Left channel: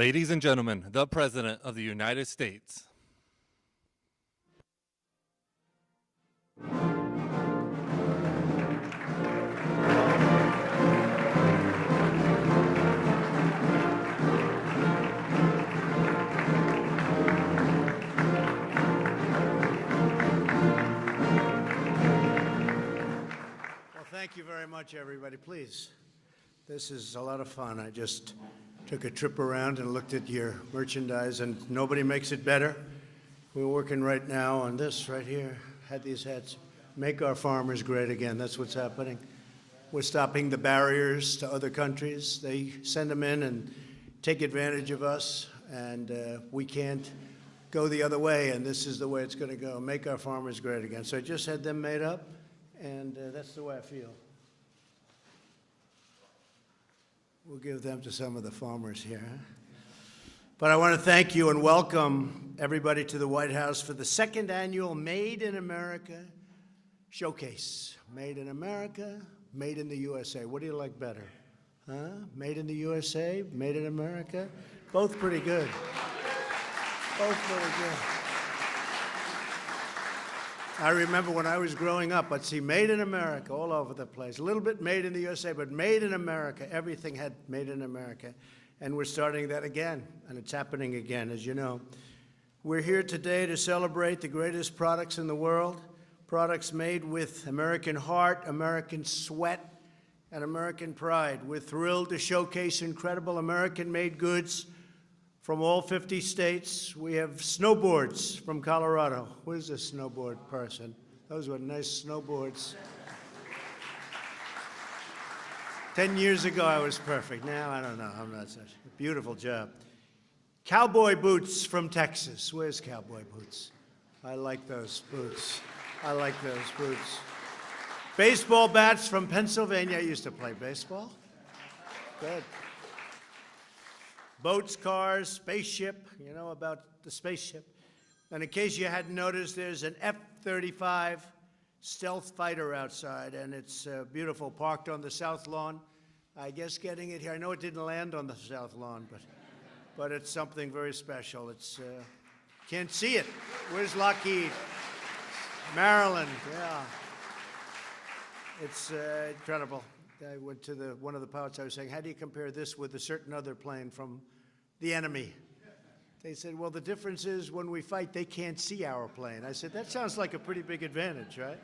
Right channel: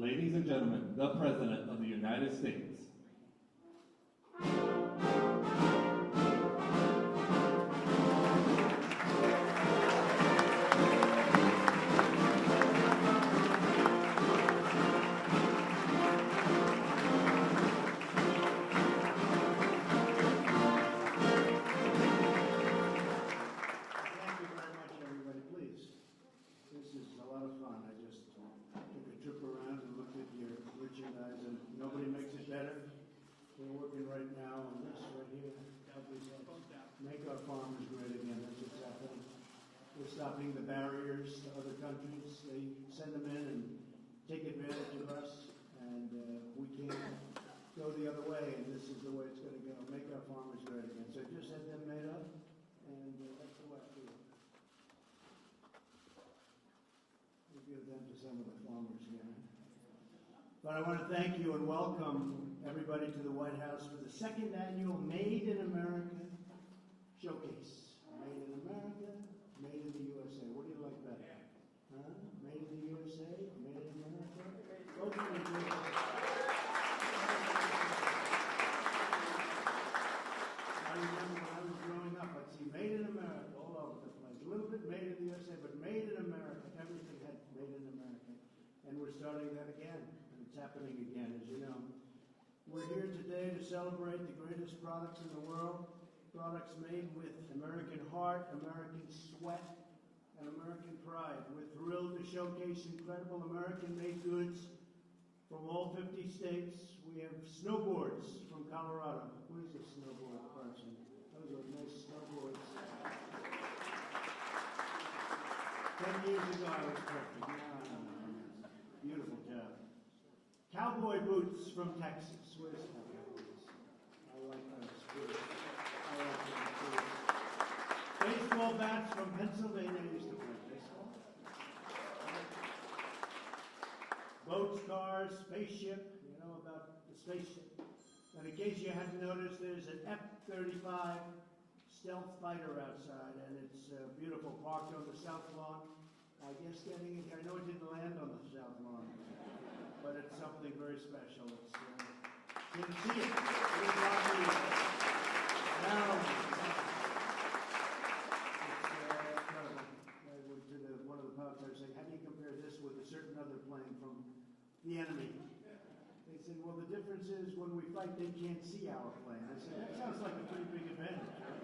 Ladies and gentlemen, the President of the United States. Everybody, please. This is a lot of fun. I just took a trip around and looked at your merchandise, and nobody makes it better. We're working right now on this right here. Had these hats. Make our farmers great again. That's what's happening. We're stopping the barriers to other countries. They send them in and take advantage of us, and we can't go the other way, and this is the way it's going to go. Make our farmers great again. So I just had them made up, and that's the way I feel. We'll give them to some of the farmers here. But I want to thank you and welcome everybody to the White House for the second annual Made in America Showcase. Made in America, Made in the USA. What do you like better? Huh? Made in the USA, Made in America? Both pretty good. Both pretty good. I remember when I was growing up, I'd see Made in America all over the place. A little bit Made in the USA, but Made in America. Everything had Made in America. And we're starting that again, and it's happening again, as you know. We're here today to celebrate the greatest products in the world, products made with American heart, American sweat, and American pride. We're thrilled to showcase incredible American-made goods from all 50 states. We have snowboards from Colorado. Where's the snowboard person? Those were nice snowboards. 10 years ago, I was perfect. Now, I don't know. I'm not such a beautiful job. Cowboy boots from Texas. Where's cowboy boots? I like those boots. I like those boots. Baseball bats from Pennsylvania. I used to play baseball. Good. Boats, cars, spaceship, you know about the spaceship. And in case you hadn't noticed, there's an F-35 stealth fighter outside, and it's beautiful, parked on the South Lawn. I guess getting it here, I know it didn't land on the South Lawn, but it's something very special. It's, can't see it. Where's Lockheed? Maryland, yeah. It's incredible. I went to one of the pilots, I was saying, how do you compare this with a certain other plane from the enemy? They said, well, the difference is when we fight, they can't see our plane. I said, that sounds like a pretty big advantage, right?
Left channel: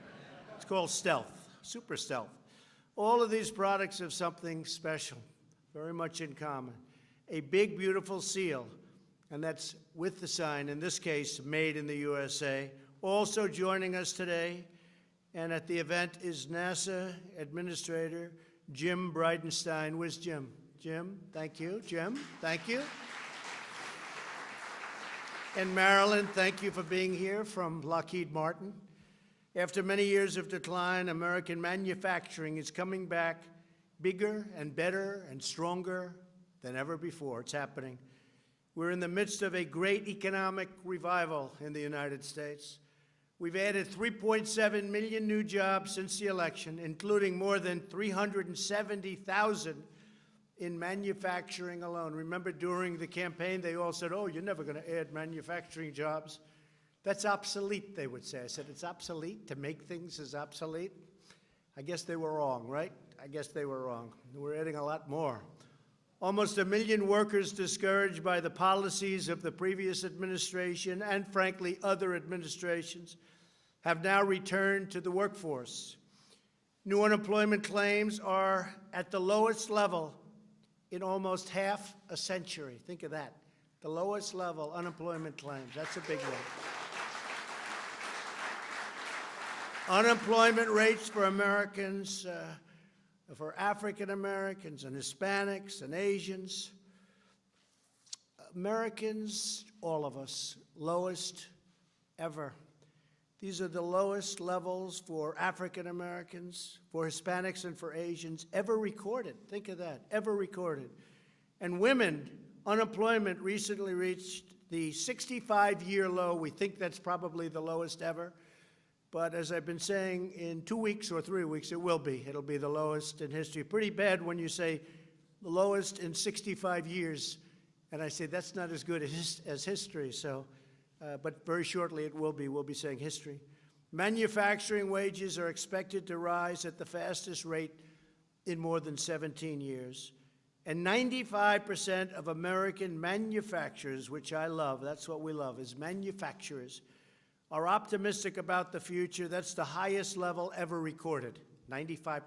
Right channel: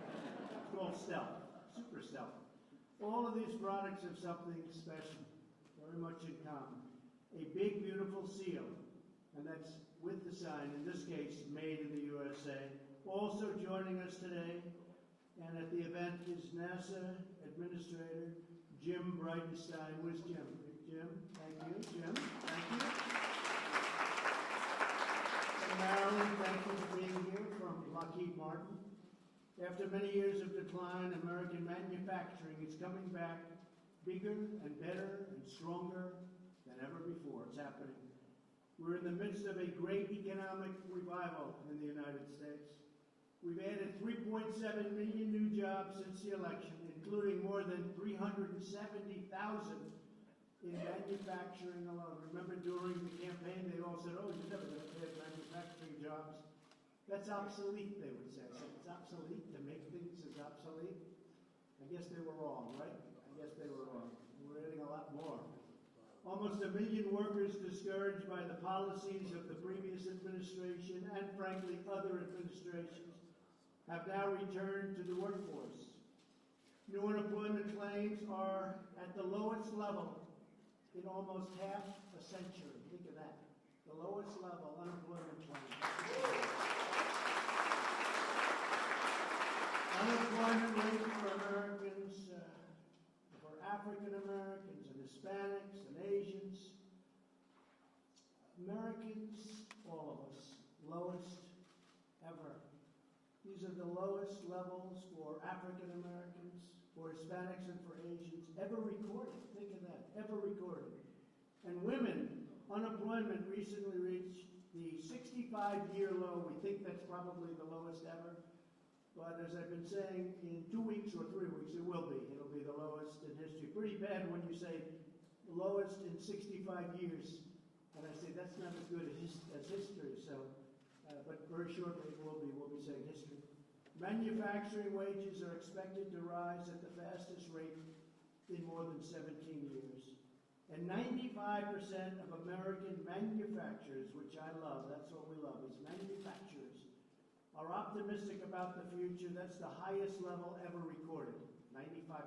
It's called stealth, super stealth. All of these products have something special, very much in common. A big, beautiful seal, and that's with the sign, in this case, Made in the USA. Also joining us today, and at the event is NASA Administrator Jim Bridenstine. Where's Jim? Jim, thank you. Jim, thank you. And Marilyn, thank you for being here from Lockheed Martin. After many years of decline, American manufacturing is coming back bigger and better and stronger than ever before. It's happening. We're in the midst of a great economic revival in the United States. We've added 3.7 million new jobs since the election, including more than 370,000 in manufacturing alone. Remember during the campaign, they all said, oh, you're never going to add manufacturing jobs. That's obsolete, they would say. I said, it's obsolete? To make things is obsolete? I guess they were wrong, right? I guess they were wrong. We're adding a lot more. Almost 1 million workers discouraged by the policies of the previous administration and, frankly, other administrations have now returned to the workforce. New unemployment claims are at the lowest level in almost half a century. Think of that. The lowest level unemployment claims. That's a big one. Unemployment rates for Americans, for African Americans and Hispanics and Asians. Americans, all of us, lowest ever. These are the lowest levels for African Americans, for Hispanics, and for Asians ever recorded. Think of that, ever recorded. And women, unemployment recently reached the 65-year low. We think that's probably the lowest ever. But as I've been saying, in 2 weeks or 3 weeks, it will be. It'll be the lowest in history. Pretty bad when you say the lowest in 65 years And I say that's not as good as history, so, but very shortly it will be. We'll be saying history. Manufacturing wages are expected to rise at the fastest rate in more than 17 years. And 95% of American manufacturers, which I love, that's what we love, is manufacturers, are optimistic about the future. That's the highest level ever recorded, 95%.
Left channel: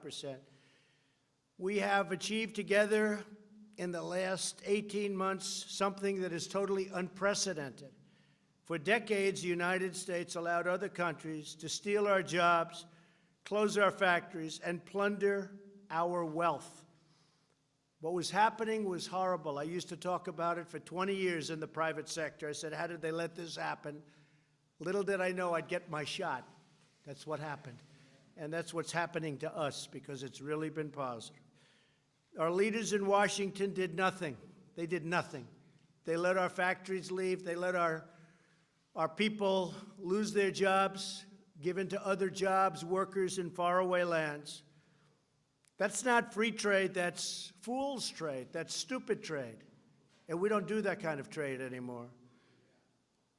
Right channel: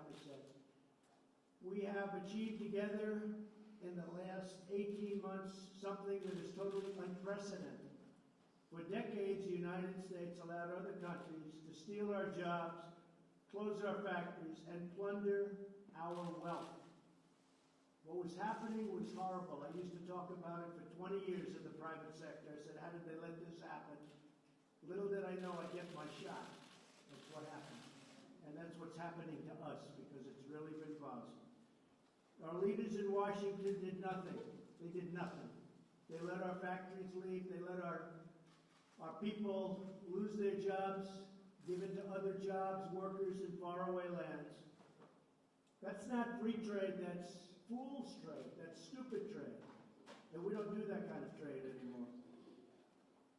We have achieved together in the last 18 months something that is totally unprecedented. For decades, the United States allowed other countries to steal our jobs, close our factories, and plunder our wealth. What was happening was horrible. I used to talk about it for 20 years in the private sector. I said, how did they let this happen? Little did I know I'd get my shot. That's what happened. And that's what's happening to us, because it's really been positive. Our leaders in Washington did nothing. They did nothing. They let our factories leave. They let our people lose their jobs, given to other jobs, workers in faraway lands. That's not free trade, that's fool's trade, that's stupid trade. And we don't do that kind of trade anymore.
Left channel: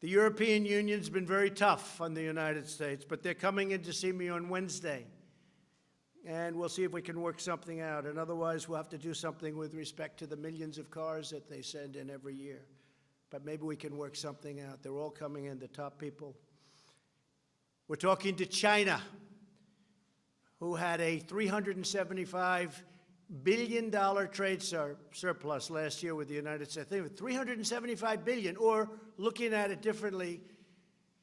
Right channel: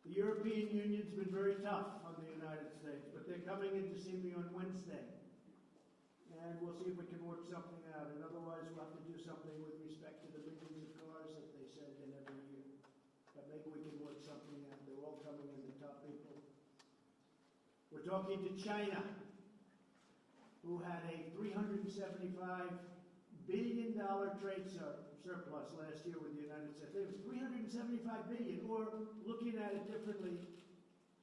The European Union's been very tough on the United States, but they're coming in to see me on Wednesday. And we'll see if we can work something out. And otherwise, we'll have to do something with respect to the millions of cars that they send in every year. But maybe we can work something out. They're all coming in, the top people. We're talking to China, who had a $375 billion trade surplus last year with the United States. They were $375 billion, or looking at it differently,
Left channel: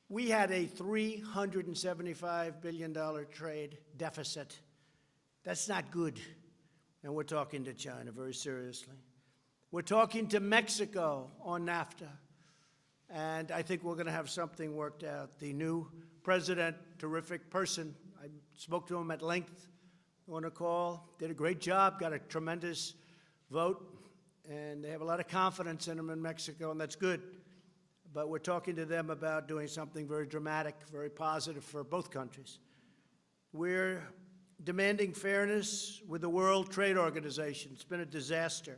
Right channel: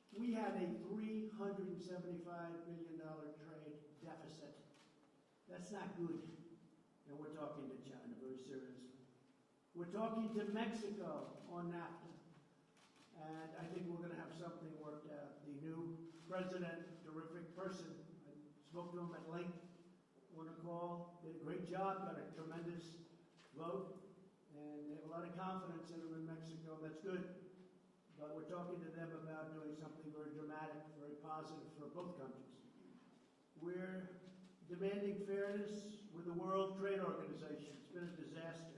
we had a $375 billion trade deficit. That's not good. And we're talking to China very seriously. We're talking to Mexico on NAFTA. And I think we're going to have something worked out. The new president, terrific person. I spoke to him at length on a call. Did a great job, got a tremendous vote. And they have a lot of confidence in him in Mexico, and that's good. But we're talking to them about doing something very dramatic, very positive for both countries. We're demanding fairness with the World Trade Organization. It's been a disaster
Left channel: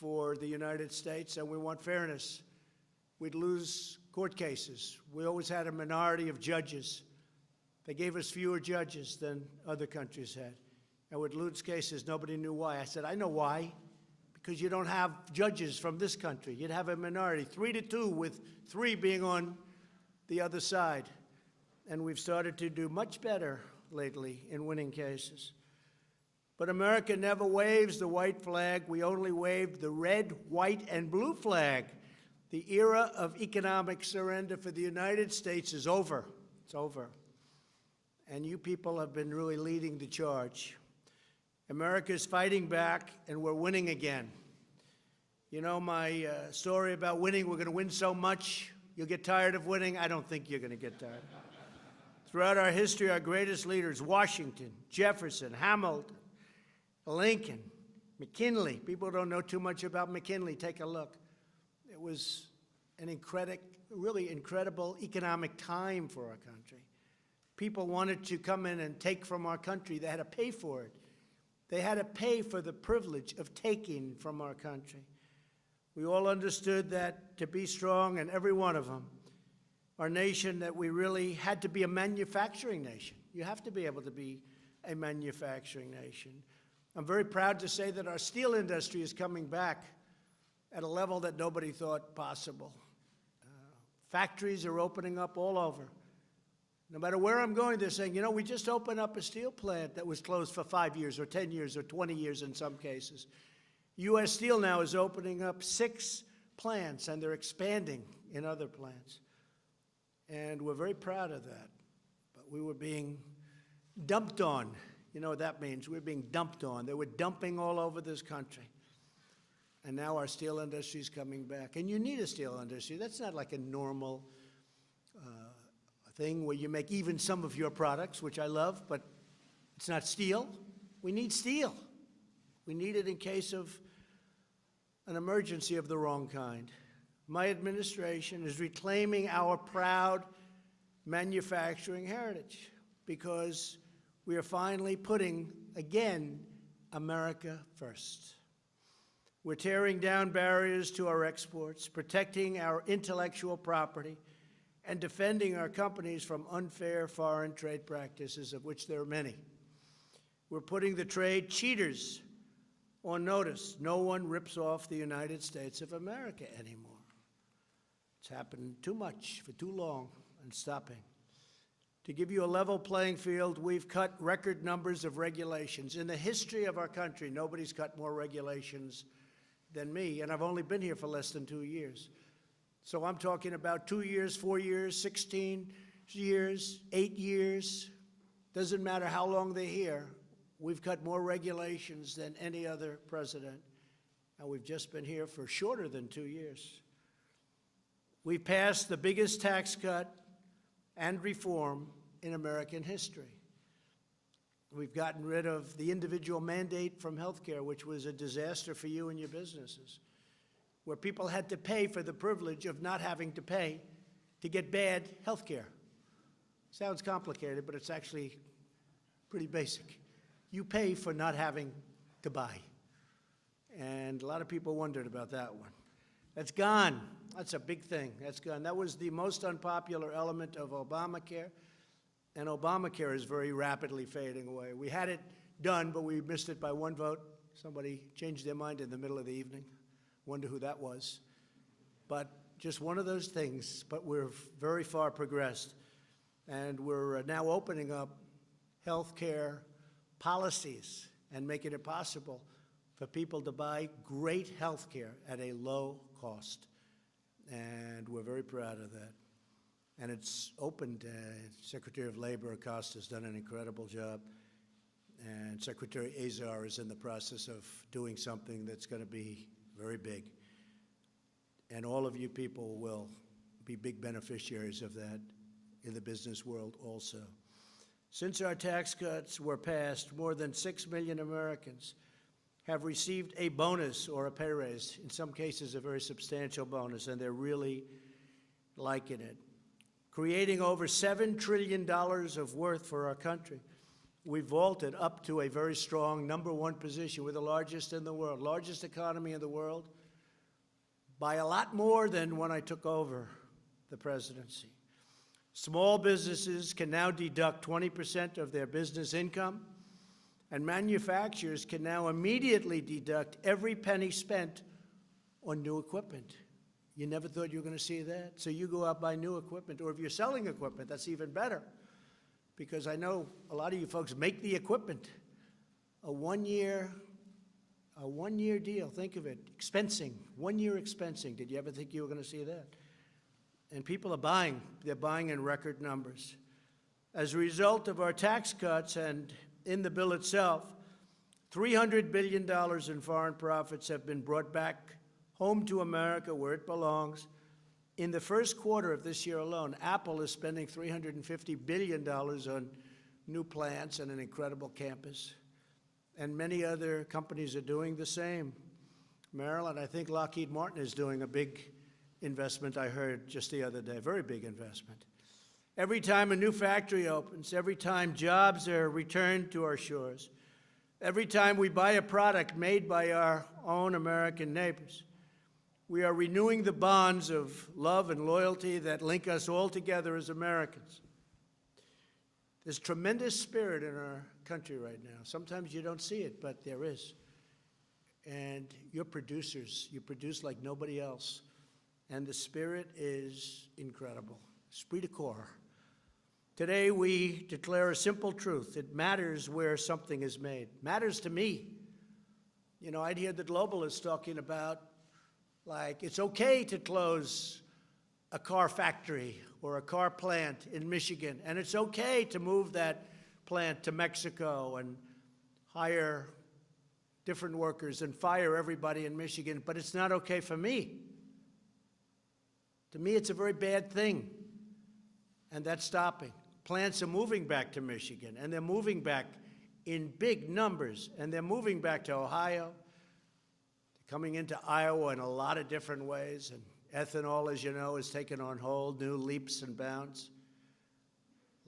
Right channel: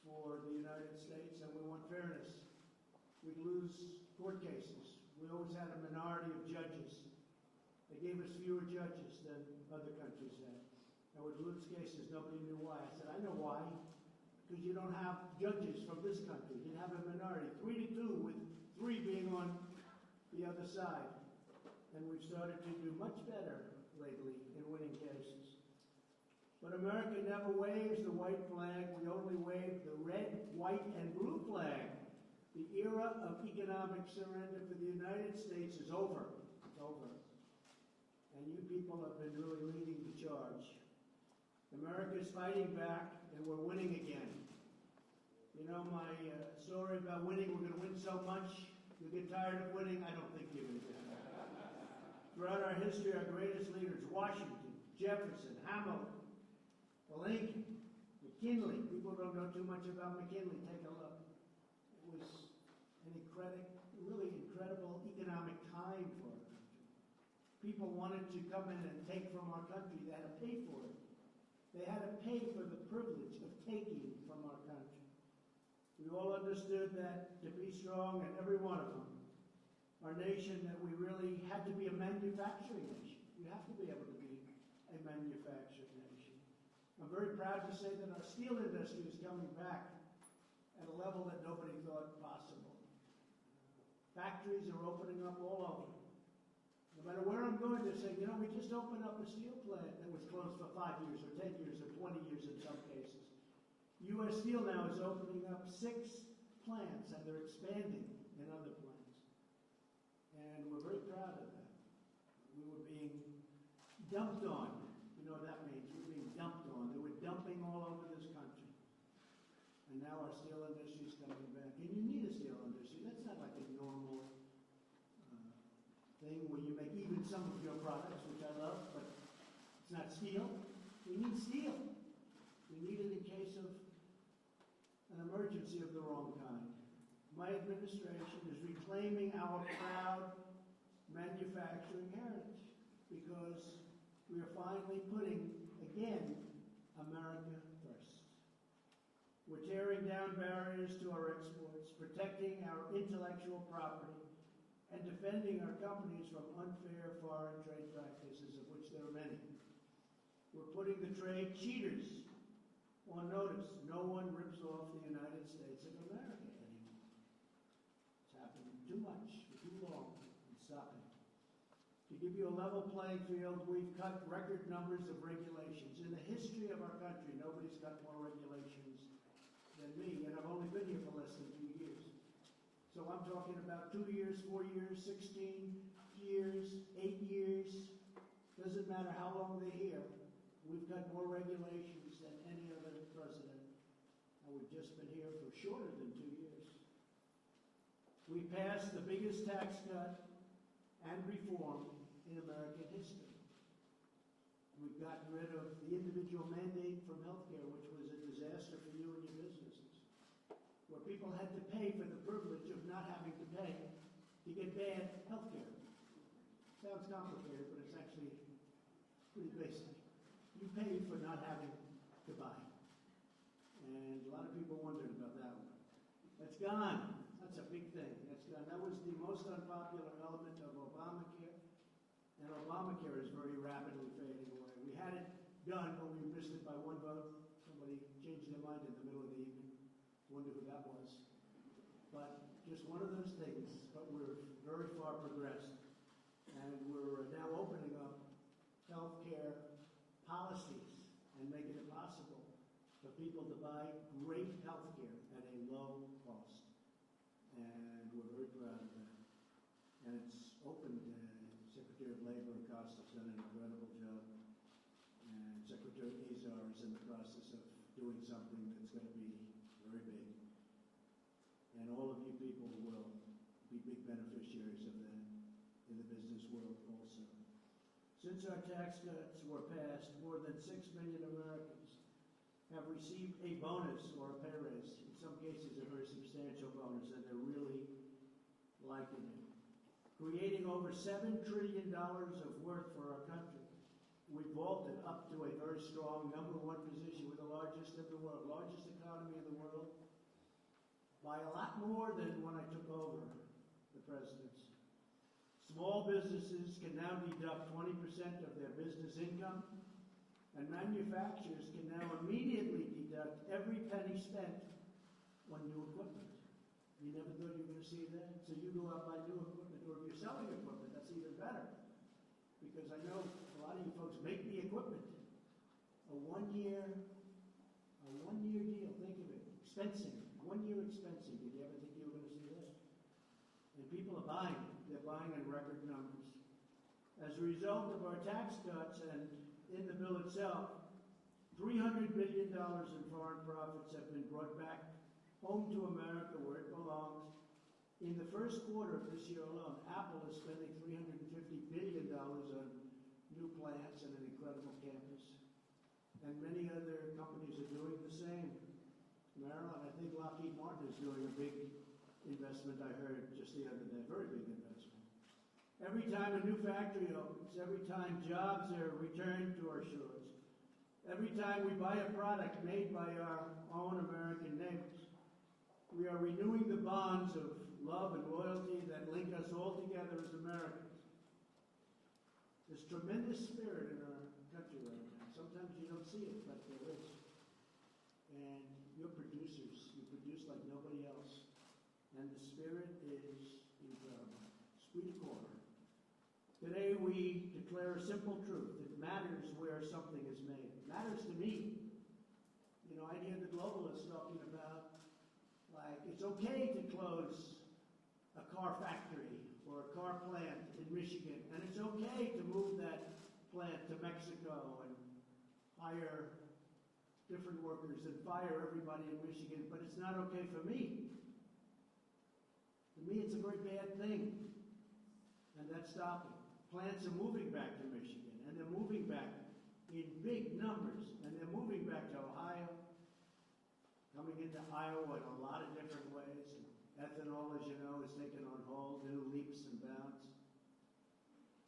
for the United States, and we want fairness. We'd lose court cases. We always had a minority of judges. They gave us fewer judges than other countries had. And we'd lose cases. Nobody knew why. I said, I know why. Because you don't have judges from this country. You'd have a minority, 3-2, with 3 being on the other side. And we've started to do much better lately in winning cases. But America never waves the white flag. We only wave the red, white, and blue flag. The era of economic surrender for the United States is over. It's over. And you people have been really leading the charge. America is fighting back, and we're winning again. You know my story about winning, we're going to win so much, you'll get tired of winning. I don't think you're going to get tired. Throughout our history, our greatest leaders, Washington, Jefferson, Hamilton, Lincoln, McKinley. People don't know too much about McKinley. Take a look. It was an really incredible economic time for our country. People wanted to come in and take from our country. They had to pay for it. They had to pay for the privilege of taking from our country. We all understood that to be strong, and every one of them, our nation, that we really had to be a manufacturing nation. You have to be able to be a manufacturing nation. I'm very proud to say that our steel industry is coming back at a level that nobody thought possible. Factories are opening up all over. No matter where I'm going, they're saying, you know, we just opened up a steel plant that was closed for 5 years or 10 years or 20 years in some cases. U.S. Steel now is opening up 6 plants, and they're expanding in other plants. And we're very proud of that. But we were being dumped on. You know what that means? We're being dumped on. They were dumping all over this country. And now our steel industry is coming back. And you need a steel industry. That's not like a normal thing where you make even some of your products, which I love, but it's not steel. We need steel. We need it in case of an emergency of the wrong kind. My administration is reclaiming our proud manufacturing heritage because we are finally putting, again, America first. We're tearing down barriers to our exports, protecting our intellectual property, and defending our companies from unfair foreign trade practices, of which there are many. We're putting the trade cheaters on notice. No one rips off the United States of America anymore. It's happened too much for too long and stopping. To give you a level playing field, we've cut record numbers of regulations. In the history of our country, nobody's cut more regulations than me, and I've only been here for less than 2 years. So I'm talking about 2 years, 4 years, 16 years, 8 years. Doesn't matter how long they're here. We've cut more regulations than any other president, and we've just been here for shorter than 2 years. We've passed the biggest tax cut and reform in American history. We've gotten rid of the individual mandate from healthcare, which was a disaster for you and your businesses, where people had to pay for the privilege of not having to pay to get bad healthcare. Sounds complicated, but it's actually pretty basic. You pay for not having to buy. And a lot of people wondered about that one. That's gone. That's a big thing. That's gone. That was the most unpopular element of Obamacare, and Obamacare is very rapidly fading away. We had it done, but we missed it by one vote. Somebody changed their mind in the middle of the evening. Wonder who that was. But just one of those things, but we're very far progressed, and we're now opening up health care policies and making it possible for people to buy great health care at a low cost. And we're very proud of that. And it's opened. Secretary of Labor Acosta has done an incredible job. And Secretary Azar is in the process of doing something that's going to be very big. And all of you people will be big beneficiaries of that in the business world also. Since our tax cuts were passed, more than 6 million Americans have received a bonus or a pay raise, in some cases a very substantial bonus, and they're really liking it. Creating over $7 trillion of worth for our country. We vaulted up to a very strong #1 position. We're the largest in the world, largest economy in the world, by a lot more than when I took over the presidency. Small businesses can now deduct 20% of their business income, and manufacturers can now immediately deduct every penny spent on new equipment. You never thought you were going to see that? So you go out, buy new equipment, or if you're selling equipment, that's even better, because I know a lot of you folks make the equipment. A one-year deal, think of it, expensing, 1 year expensing. Did you ever think you were going to see that? And people are buying. They're buying in record numbers. As a result of our tax cuts and in the bill itself, $300 billion in foreign profits have been brought back home to America where it belongs. In the first quarter of this year alone, Apple is spending $350 billion on new plants and an incredible campus. And many other companies are doing the same. Maryland, I think Lockheed Martin is doing a big investment, I heard just the other day, very big investment. Every time a new factory opens, every time jobs are returned to our shores, every time we buy a product made by our own American neighbors, we are renewing the bonds of love and loyalty that link us all together as Americans. There's tremendous spirit in our country right now. Sometimes you don't see it, but there is. And you're producers. You produce like nobody else. And the spirit is incredible. Esprit de corps. Today we declare a simple truth. It matters where something is made. Matters to me. You know, I'd hear the globalists talking about, like, it's okay to close a car factory or a car plant in Michigan, and it's okay to move that plant to Mexico and hire different workers and fire everybody in Michigan, but it's not okay for me. To me, it's a very bad thing, and that's stopping. Plants are moving back to Michigan, and they're moving back in big numbers, and they're moving back to Ohio, coming into Iowa in a lot of different ways, and ethanol, as you know, is taking on whole new leaps and bounds.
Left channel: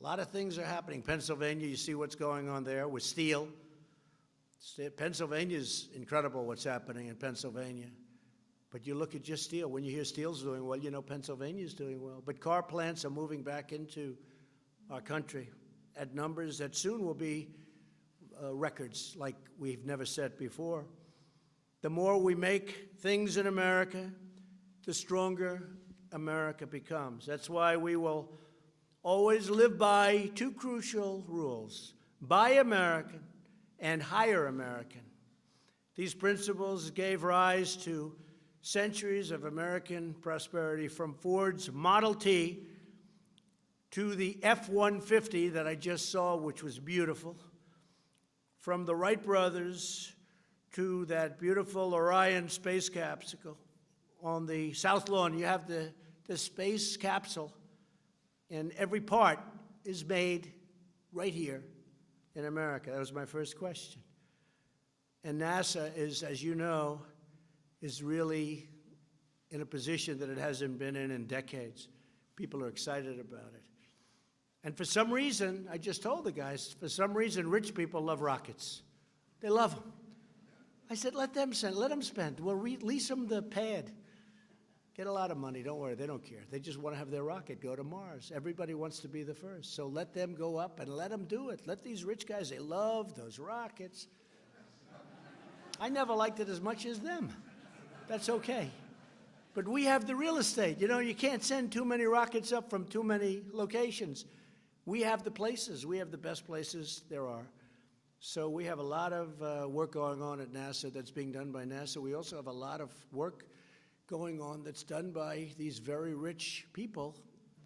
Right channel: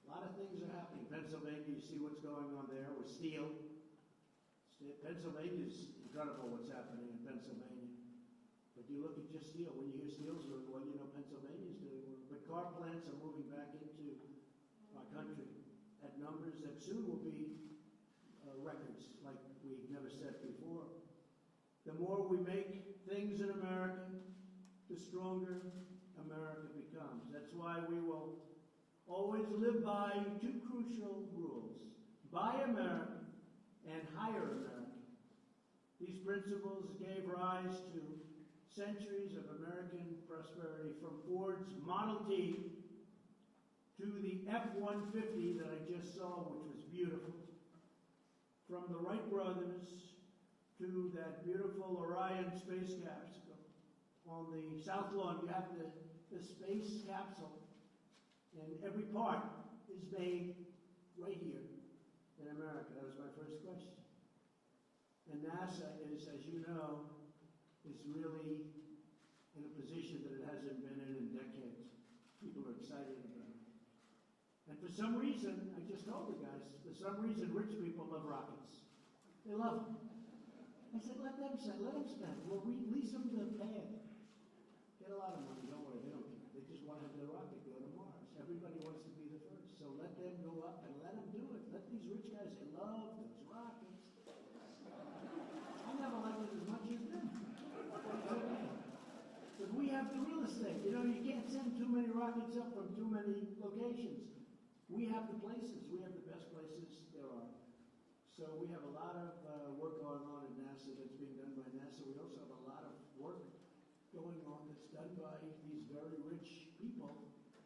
A lot of things are happening. Pennsylvania, you see what's going on there with steel. Pennsylvania's incredible what's happening in Pennsylvania. But you look at just steel. When you hear steel's doing well, you know Pennsylvania's doing well. But car plants are moving back into our country at numbers that soon will be records like we've never set before. The more we make things in America, the stronger America becomes. That's why we will always live by two crucial rules: buy American and hire American. These principles gave rise to centuries of American prosperity, from Ford's Model T to the F-150 that I just saw, which was beautiful, from the Wright brothers to that beautiful Orion space capsule. On the South Lawn, you have the space capsule, and every part is made right here in America. That was my first question. And NASA is, as you know, is really in a position that it hasn't been in decades. People are excited about it. And for some reason, I just told the guys, for some reason, rich people love rockets. They love them. I said, let them spend. We'll lease them the pad. Get a lot of money, don't worry, they don't care. They just want to have their rocket go to Mars. Everybody wants to be the first. So let them go up and let them do it. Let these rich guys, they love those rockets. I never liked it as much as them. That's okay. But we have the real estate. You know, you can't send too many rockets up from too many locations. We have the places. We have the best places there are. So we have a lot of work going on at NASA that's being done by NASA. We also have a lot of work going on that's done by these very rich people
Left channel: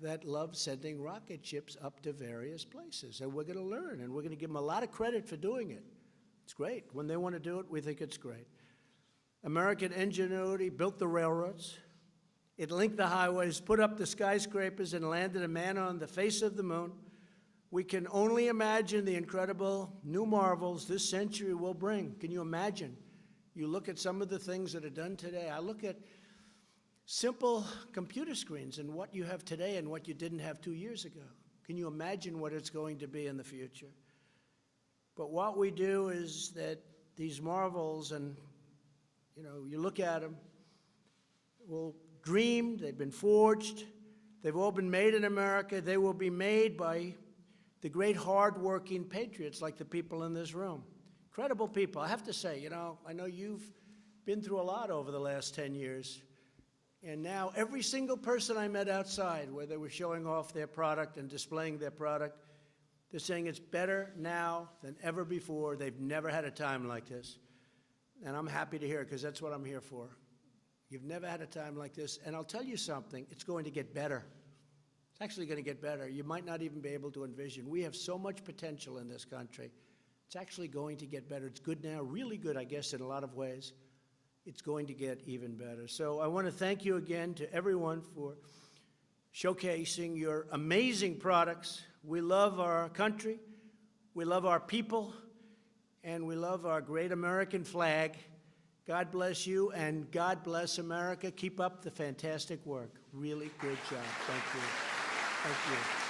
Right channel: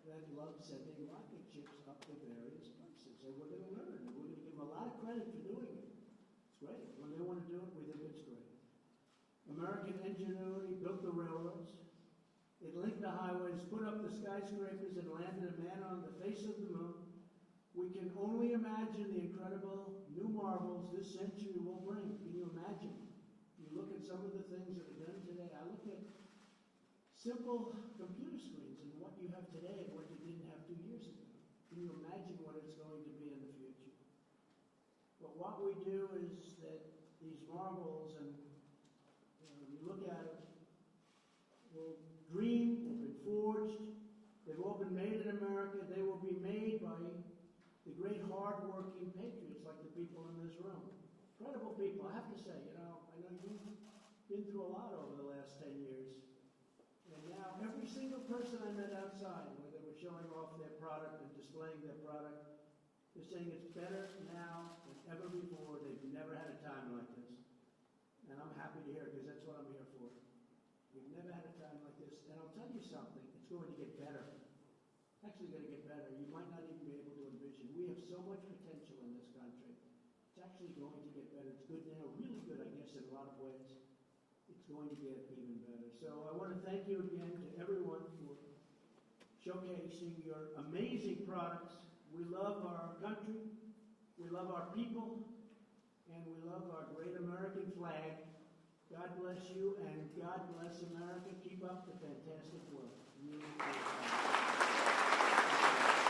that love sending rocket ships up to various places. And we're going to learn, and we're going to give them a lot of credit for doing it. It's great. When they want to do it, we think it's great. American ingenuity built the railroads. It linked the highways, put up the skyscrapers, and landed a man on the face of the moon. We can only imagine the incredible new marvels this century will bring. Can you imagine? You look at some of the things that are done today. I look at simple computer screens and what you have today and what you didn't have 2 years ago. Can you imagine what it's going to be in the future? But what we do is that these marvels, and you look at them, well, dreamed, they've been forged, they've all been made in America. They will be made by the great hard-working patriots like the people in this room. Incredible people. I have to say, I know you've been through a lot over the last 10 years. And now every single person I met outside, where they were showing off their product and displaying their product, they're saying it's better now than ever before. They've never had a time like this. And I'm happy to hear it, because that's what I'm here for. You've never had a time like this. And I'll tell you something, it's going to get better. It's actually going to get better. You might not even be able to envision. We have so much potential in this country. It's actually going to get better. It's good now, really good, I guess, in a lot of ways. It's going to get even better. So I want to thank you again to everyone for showcasing your amazing products. We love our country, we love our people, and we love our great American flag. God bless you, and God bless America. Keep up the fantastic work. Really great job. Thank you. Thank you.